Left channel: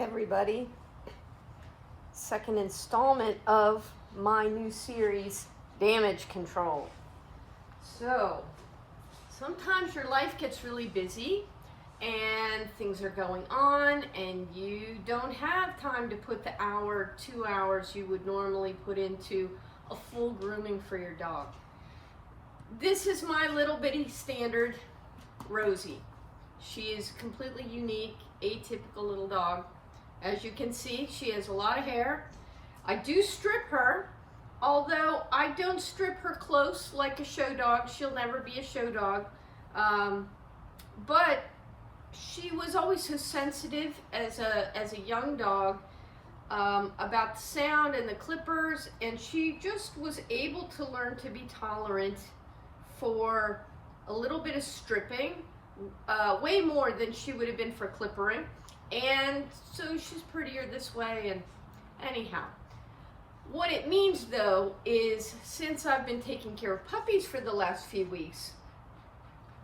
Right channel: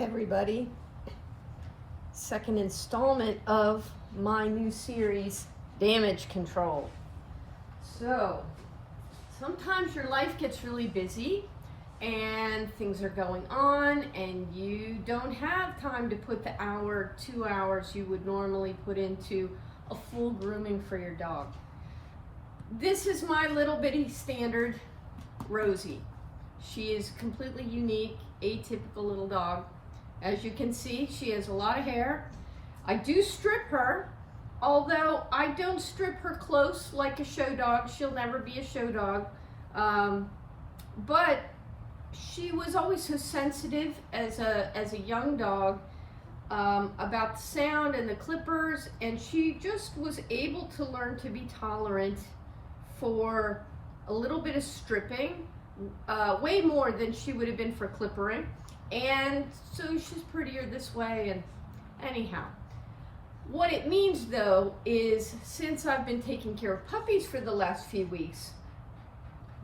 Everybody. Second installment of my new series, Damage Control. So, sometimes your life gets really busy and things are going on and you don't have time to put the hour, 2 hours you would normally put into a full grooming for your dog. This is my little bitty standard Rosie. She is completely unique, atypical little dog. As you can see, she has a lot of hair. I do strip her, although I don't strip her close like a show dog. She'll never be a show dog. But she was always so sensitive as a young dog about the sound and the clippers, and she just was able to learn to be tolerant for a little bit of stripping, way more than she would have been for clippering. And so she's prettier this way. And anyhow, what it means though is, since I've been taking care of puppies for the last few weeks,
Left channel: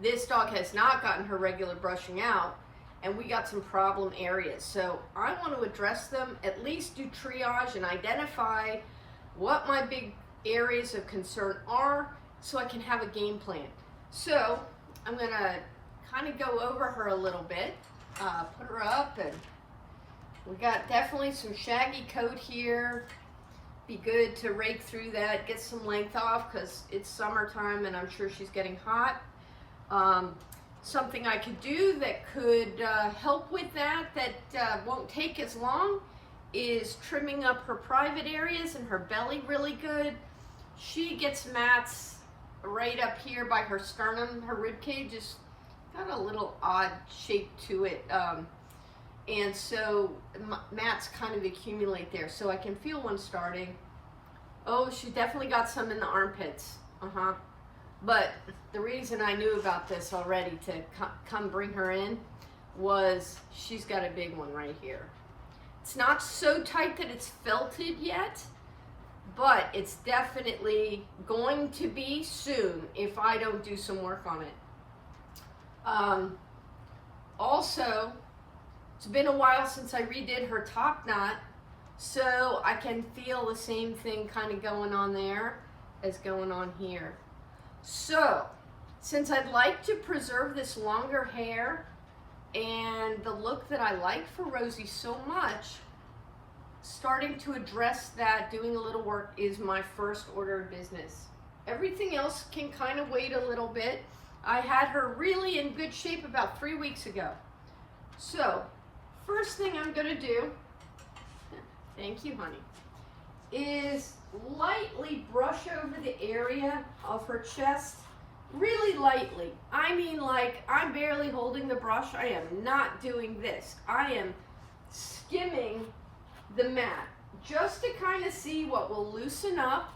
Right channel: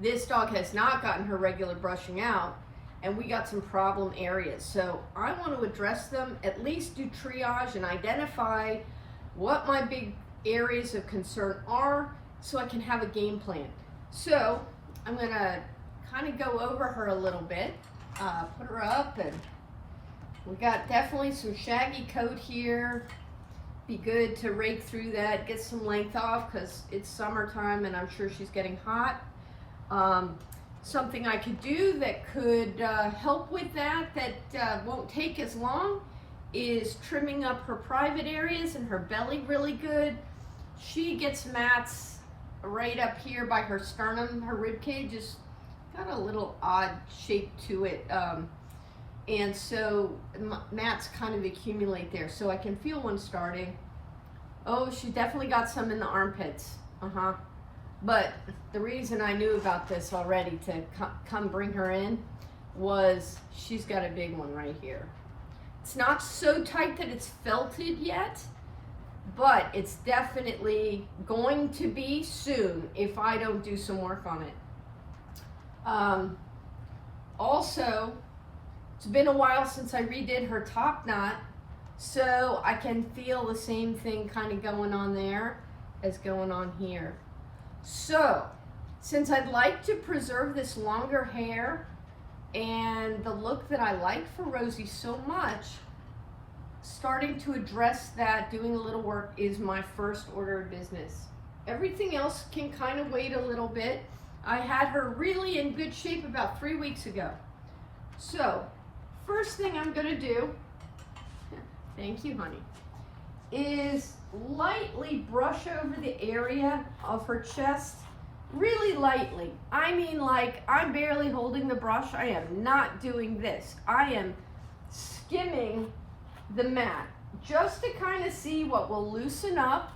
this dog has not gotten her regular brushing out, and we got some problem areas. So I want to address them, at least do triage and identify what my big areas of concern are so I can have a game plan. So I'm gonna kind of go over her a little bit. Put her up, and we got definitely some shaggy coat here. Be good to rake through that, get some length off because it's summertime and I'm sure she's getting hot. Something I could do that could help with that won't take as long is trimming up her private areas and her belly really good. She gets mats right up here by her sternum. Her rib cage is got a little odd shape to it, and so mats kind of accumulate there, so I can feel one starting. Oh, she definitely got some in the armpits. But the reason I knew about this already to come bring her in was she's got a big one right here. It's not so tight that it's felted yet, but it's definitely going to be soon if I don't do some work on it. Also, it's been a while since I redid her top knot, so I can feel the same thing kind of going on there as going on here. So, since I'd like to preserve this longer hair and the look that I like for Rosie so much, starting to address that, doing a little work is my first order of business. Everything else can kind of wait a little bit. I had her really in good shape about 3 weeks ago. So, first thing I'm gonna do, thank you, honey, is lightly brush over the area of her chest, really lightly. I mean, like, I'm barely holding the brush. I am not doing this. I am skimming the mat just to kind of see what will loosen up.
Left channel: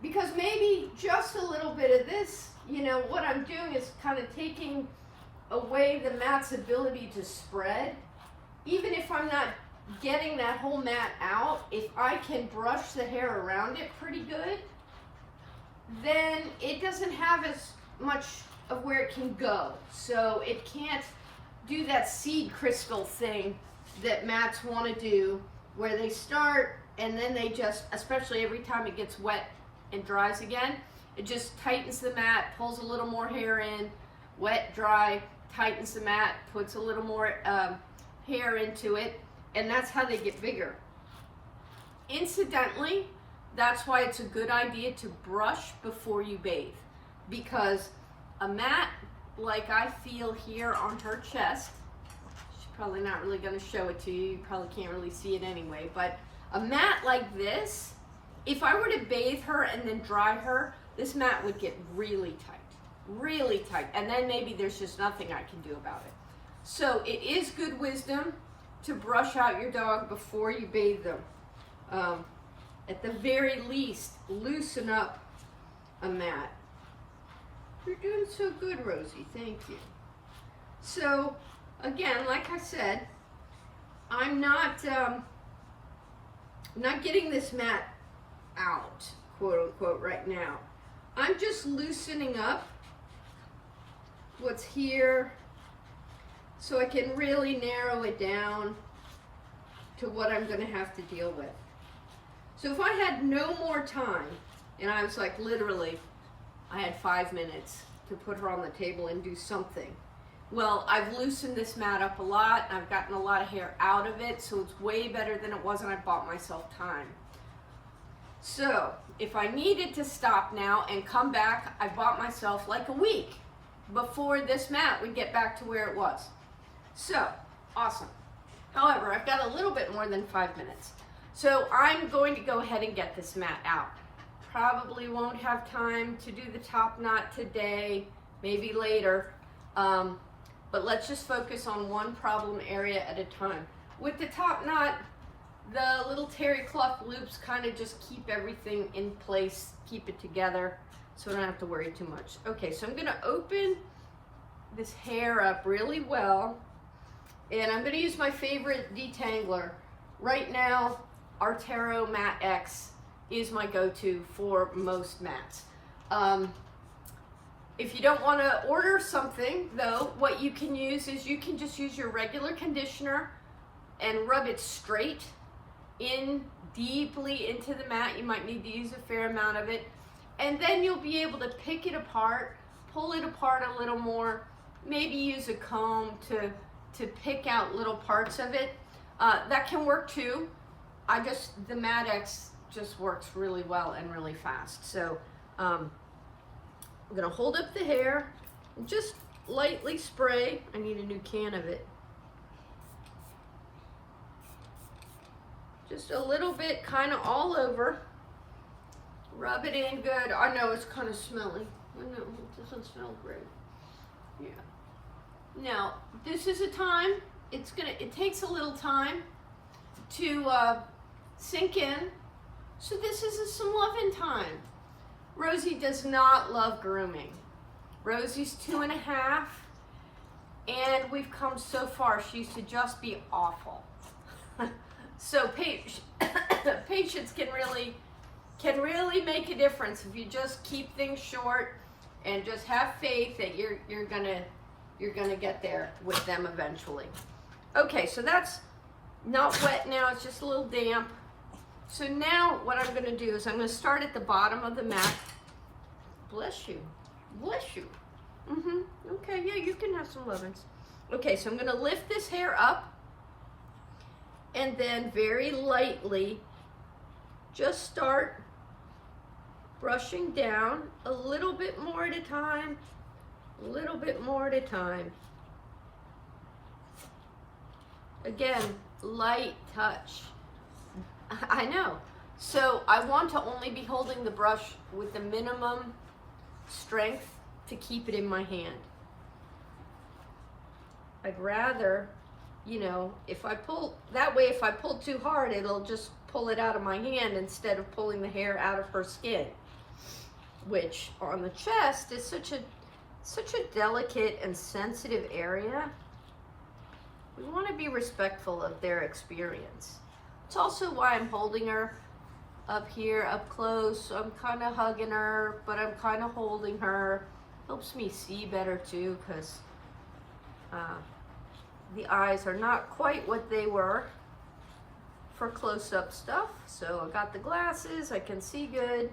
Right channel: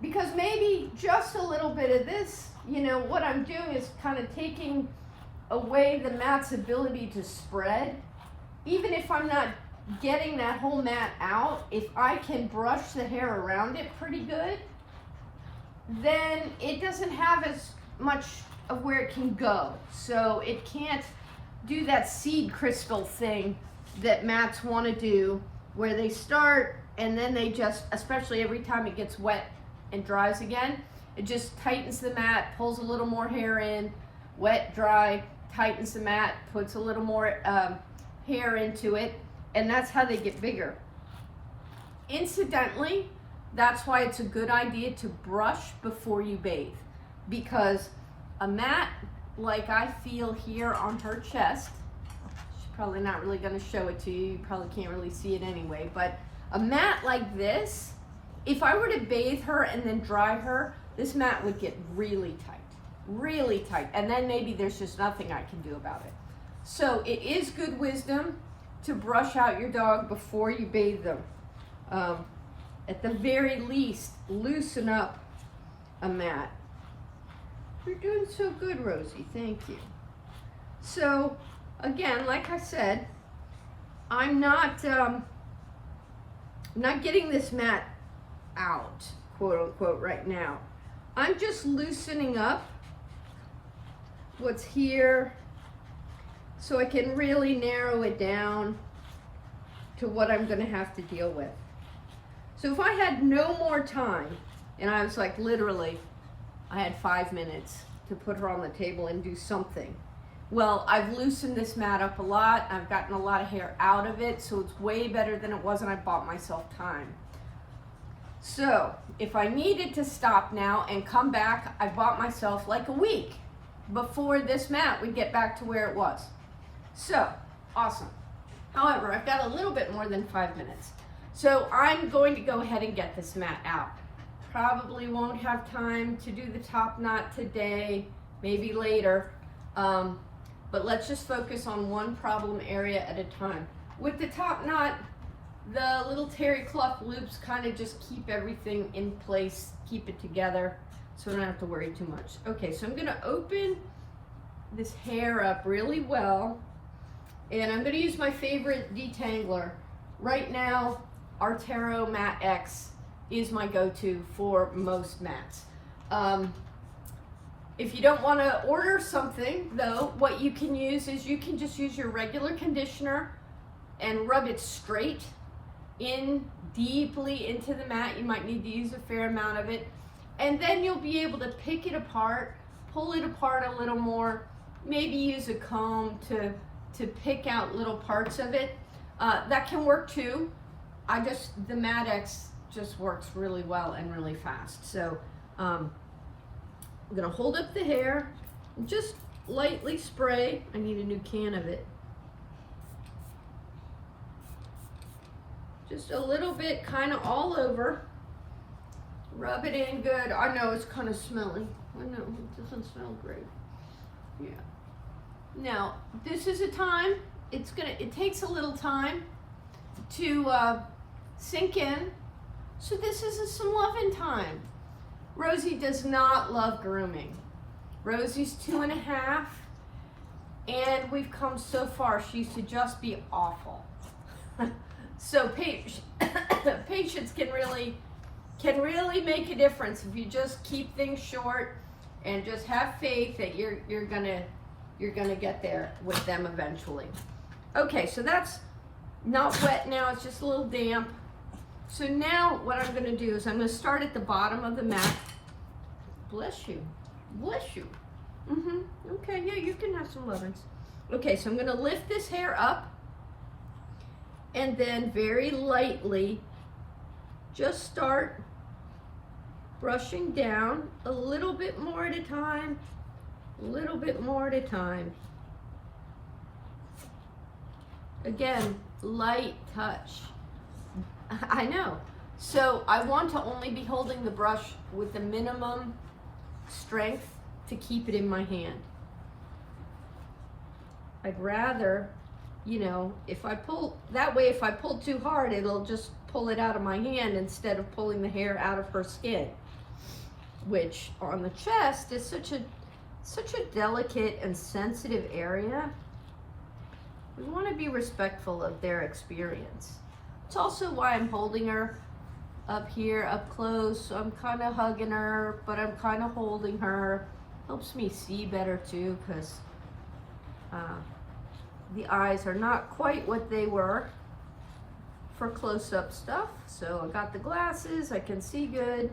Because maybe just a little bit of this, you know, what I'm doing is kind of taking away the mat's ability to spread. Even if I'm not getting that whole mat out, if I can brush the hair around it pretty good, then it doesn't have as much of where it can go. So it can't do that seed crystal thing that mats want to do, where they start and then they just, especially every time it gets wet and dries again, it just tightens the mat, pulls a little more hair in, wet, dry, tightens the mat, puts a little more hair into it, and that's how they get bigger. Incidentally, that's why it's a good idea to brush before you bathe, because a mat like I feel here on her chest, she's probably not really going to show it to you, you probably can't really see it anyway, but a mat like this, if I were to bathe her and then dry her, this mat would get really tight, and then maybe there's just nothing I can do about it. So it is good wisdom to brush out your dog before you bathe them. At the very least, loosen up a mat. You're doing so good, Rosie, thank you. So again, like I said, I'm not getting this mat out, quote unquote, right now. I'm just loosening up what's here so I can really narrow it down to what I'm gonna have to deal with. So if I had no more time, and I was like literally, I had 5 minutes to put her on the table and do something. Well, I've loosened this mat up a lot. I've gotten a lot of hair out of it, so it's way better than it was, and I bought myself time. So if I needed to stop now and come back, I bought myself like a week before this mat would get back to where it was. So, awesome. However, I've got a little bit more than 5 minutes. So I'm going to go ahead and get this mat out. Probably won't have time to do the top knot today, maybe later. But let's just focus on one problem area at a time. With the top knot, the little terry cloth loops kind of just keep everything in place, keep it together, so I don't have to worry too much. Okay, so I'm gonna open this hair up really well, and I'm gonna use my favorite detangler. Right now, Artero Mat X is my go-to for most mats. If you don't want to order something though, what you can use is you can just use your regular conditioner and rub it straight in deeply into the mat. You might need to use a fair amount of it, and then you'll be able to pick it apart, pull it apart a little more, maybe use a comb to pick out little parts of it. That can work too. The Mat X just works really well and really fast. So I'm gonna hold up the hair and just lightly spray. I need a new can of it. Just a little bit, kind of all over. Rub it in good. I know it's kind of smelly. I know, it doesn't smell great. Yeah. Now, this is a time, it takes a little time to sink in. So this is some loving time. Rosie does not love grooming. Rosie's 2.5, and we've come so far. She used to just be awful. So patience can really make a difference if you just keep things short and just have faith that you're gonna get there with them eventually. Okay, so that's not wet now, it's just a little damp. So now what I'm gonna do is I'm gonna start at the bottom of the mat. Bless you, bless you. Okay, yeah, you can have some lovin's. Okay, so I'm gonna lift this hair up and then very lightly just start brushing down a little bit more at a time, a little bit more at a time. Again, light touch. I know. So I want to only be holding the brush with the minimum strength to keep it in my hand. I'd rather, you know, if I pull too hard, it'll just pull it out of my hand instead of pulling the hair out of her skin, which on the chest is such a delicate and sensitive area. We want to be respectful of their experience. It's also why I'm holding her up here, up close. So I'm kind of hugging her, but I'm kind of holding her. Helps me see better too, because the eyes are not quite what they were for close-up stuff. So I got the glasses, I can see good,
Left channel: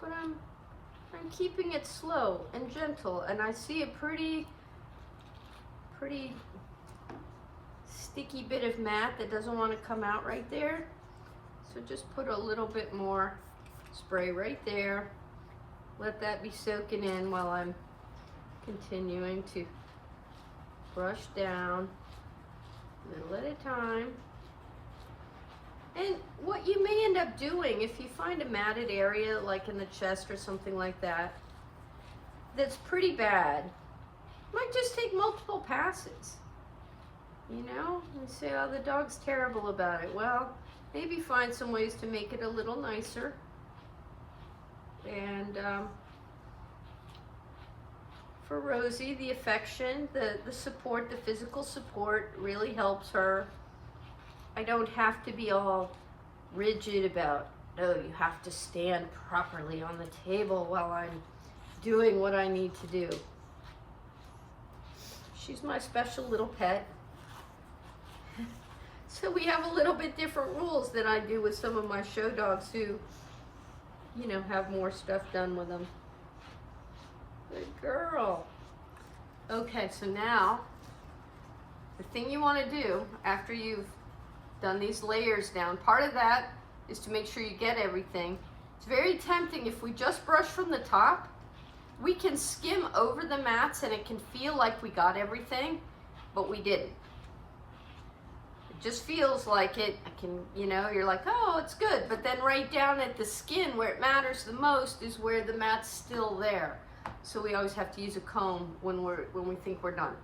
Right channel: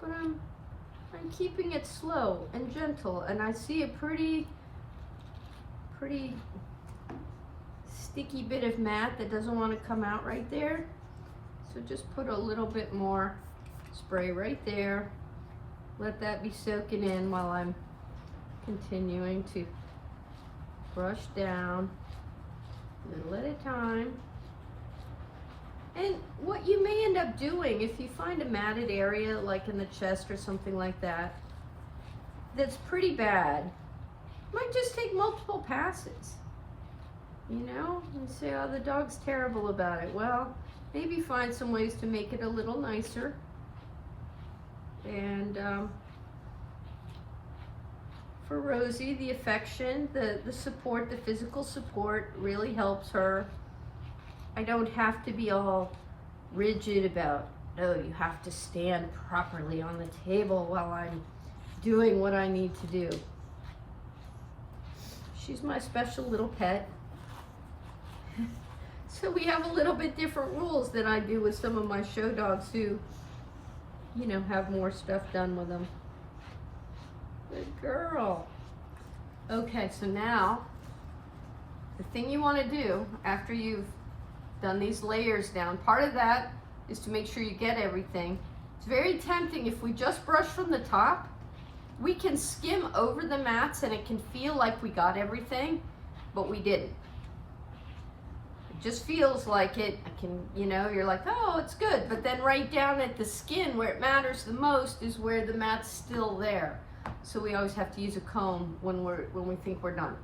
but I'm keeping it slow and gentle, and I see a pretty sticky bit of mat that doesn't want to come out right there. So just put a little bit more spray right there. Let that be soaking in while I'm continuing to brush down little at a time. And what you may end up doing, if you find a matted area like in the chest or something like that, that's pretty bad, might just take multiple passes. You know, and say, oh, the dog's terrible about it. Well, maybe find some ways to make it a little nicer. And for Rosie, the affection, the support, the physical support really helps her. I don't have to be all rigid about, oh, you have to stand properly on the table while I'm doing what I need to do. She's my special little pet. So we have a little bit different rules than I do with some of my show dogs who, you know, have more stuff done with them. Good girl. Okay, so now the thing you want to do after you've done these layers down, part of that is to make sure you get everything. It's very tempting if we just brush from the top. We can skim over the mats and it can feel like we got everything, but we didn't. It just feels like it. You know, you're like, oh, it's good. But then right down at the skin where it matters the most is where the mat's still there. So we always have to use a comb when we think we're done.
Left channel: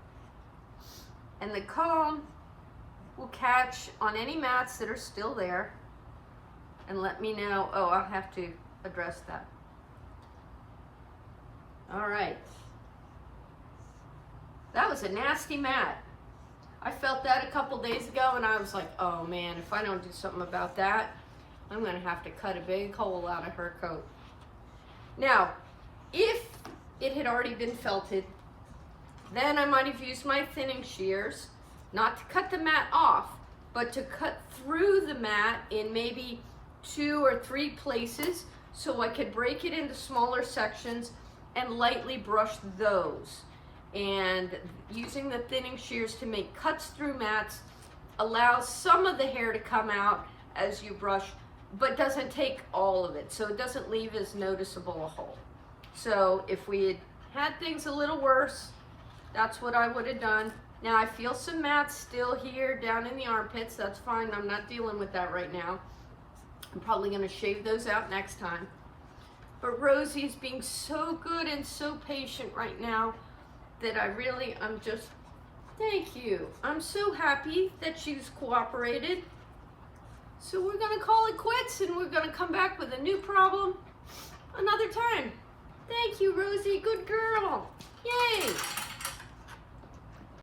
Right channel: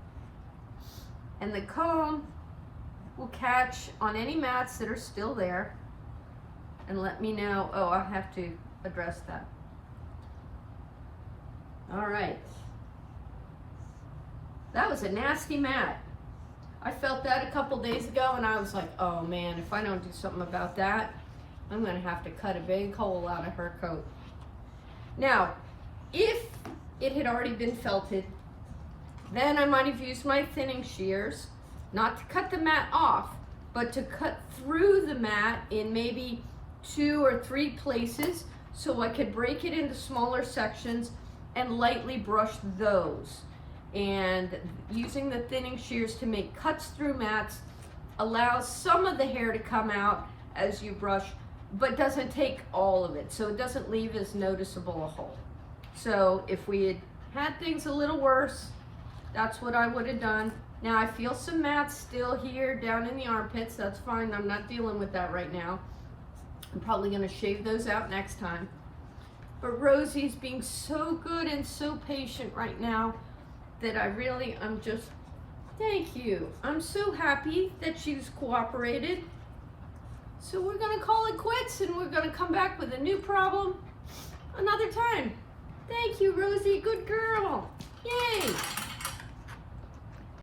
And the comb will catch on any mats that are still there and let me know, oh, I'll have to address that. All right. That was a nasty mat. I felt that a couple days ago and I was like, oh man, if I don't do something about that, I'm gonna have to cut a big hole out of her coat. Now, if it had already been felted, then I might have used my thinning shears, not to cut the mat off, but to cut through the mat in maybe 2 or 3 places so I could break it into smaller sections and lightly brush those. And using the thinning shears to make cuts through mats allows some of the hair to come out as you brush, but doesn't take all of it, so it doesn't leave as noticeable a hole. So if we had things a little worse, that's what I would have done. Now I feel some mats still here down in the armpits. That's fine, I'm not dealing with that right now. I'm probably gonna shave those out next time. But Rosie's being so good and so patient right now that I'm just, thank you. I'm so happy that she's cooperated. So we're gonna call it quits and we're gonna come back with a new problem another time. Thank you, Rosie, good girl. Yay.